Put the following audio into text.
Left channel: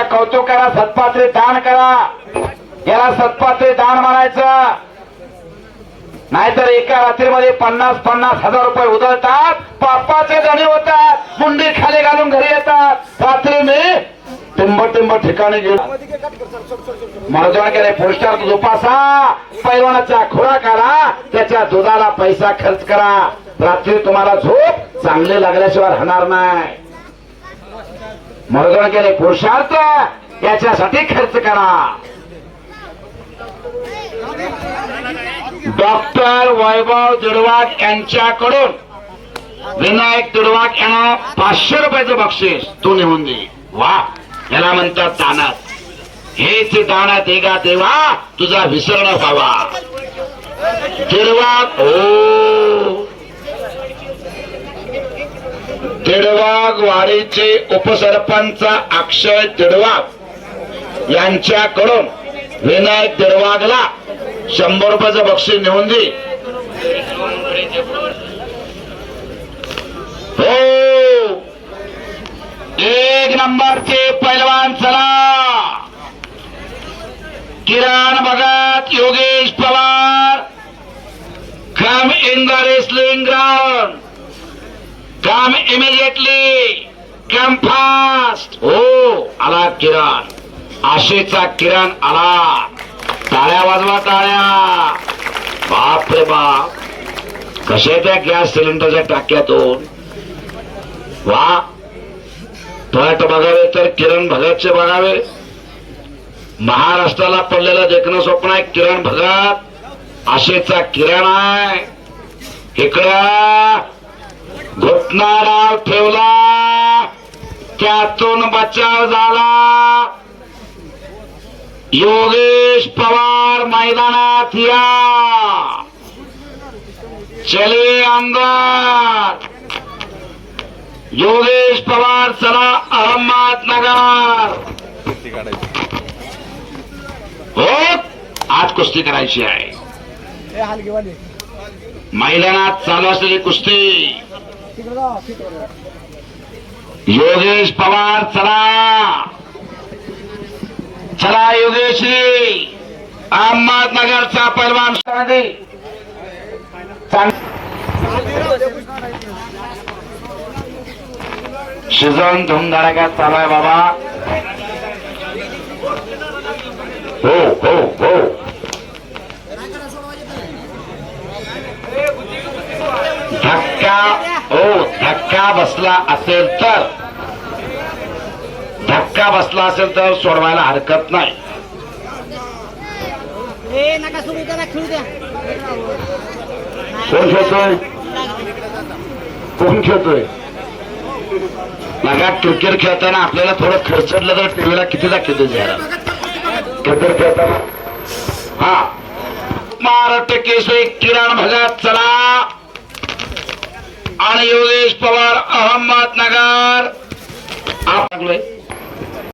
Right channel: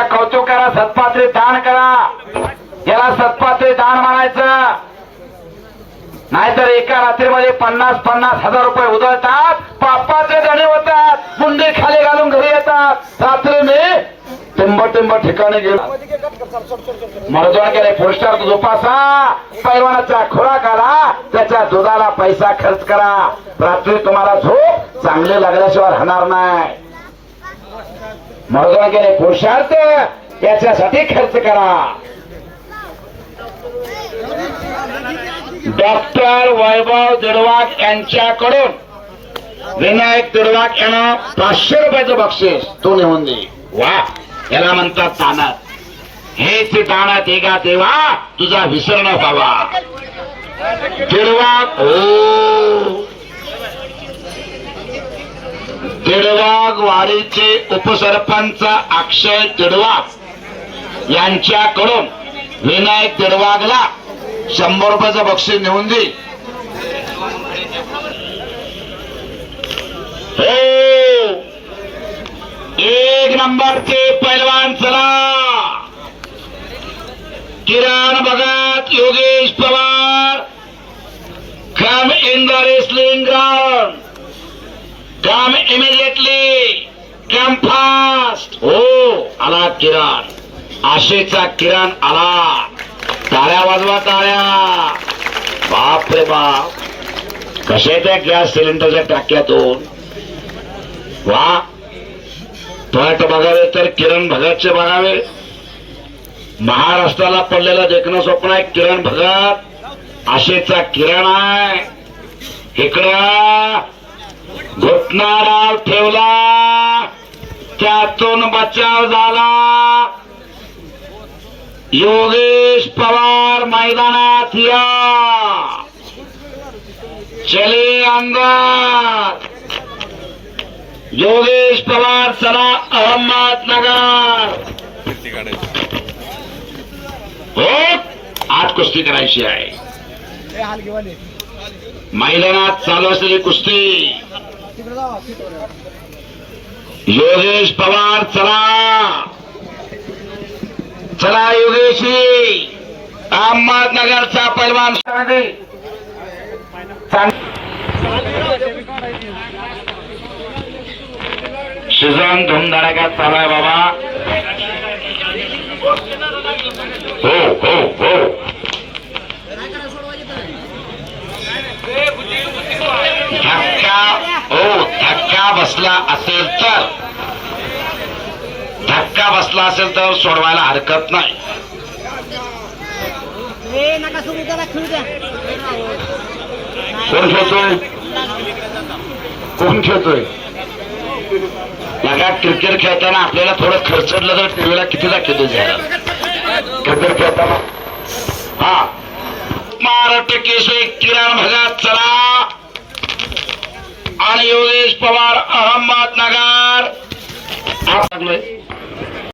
त्याचं कौतुक करा सत्पात्री दान करा. याला सत्पात्री दान म्हणायचं. नाहीतर एका रात्रीमध्ये पन्नास पन्नास हजार रुपये उधळतात. पापाचे धणी होतात. गुंडी खाली घालून घरी येतात. रात्री मी टिंब टिंब ठिकाणी गेलो. मर्जोन पोस्टर जोपासा पैलवानाचा खुराक करा त्याच्या दुधाला पैसा खर्च करा. रात्री तुम्हाला झोप चांगली लागल्याशिवाय राहणार नाही. मर्जोन गेले पुरुषार्थ याच्यासाठी खर्च करा. डॉक्टर वैभव दिडवाक यांच्याकडून विनायक दिडवाक यांना पाचशे रुपयाचे बक्षीस तू नेऊन दे. वा याला म्हणतात दानात. हेच दानात एका देवा तुझा विसरण व्हावा. दिडवाक हो तिडवाग वाडीचे उपसरपंच अक्षय तिडवाग यांच्याकडून विनायक तिडवागला शंभर रुपयाचं बक्षीस नेऊन दे. हो. एक नंबरचे पैलवान चला. Kiran Bhagat Yogesh Pawar come in the wrestling ground come immediately come fast हो आला किरण. आशेचा किरण आला. टाळ्या वाजवा टाळ्या बाप रे बाप. कशा त्या गॅस सिलेंडरच्या टाक्यातून? वा. पट बघावे तर किरण भगतचे बघावे. महाराष्ट्राला पडलेलं देखणं स्वप्न आहे किरण भगत. आशेचा किरण आहे. इकडं. घुटणारा ठेवला. त्यातून बचाव झाला. योगेश पवार मैदानात या. चले अंदर योगेश पवार चला अहमदनगर हो आज कुस्ती करायची आहे. मैदानात चालू असलेली कुस्ती. योगेश पवार चला. चला योगेशी. अहमदनगरच्या पैलवान शिजन धुमधडाक्यात चालाय बाबा. हो हो हो. धक्का. धक्का बसला असेल तर धक्का बसला असेल तर सोडवायला हरकत नाही. नका कोण खेळतोय? कोण खेळतोय? लगा क्रिकेट खेळताना आपल्याला थोडं खर्चडलं तर टीव्हीला किती दाखवतो जरा क्रिकेट खेळताना? हा. महाराष्ट्र केसरी किरण भगत चला! आणि योगेश पवार अहमदनगर आप लागलोय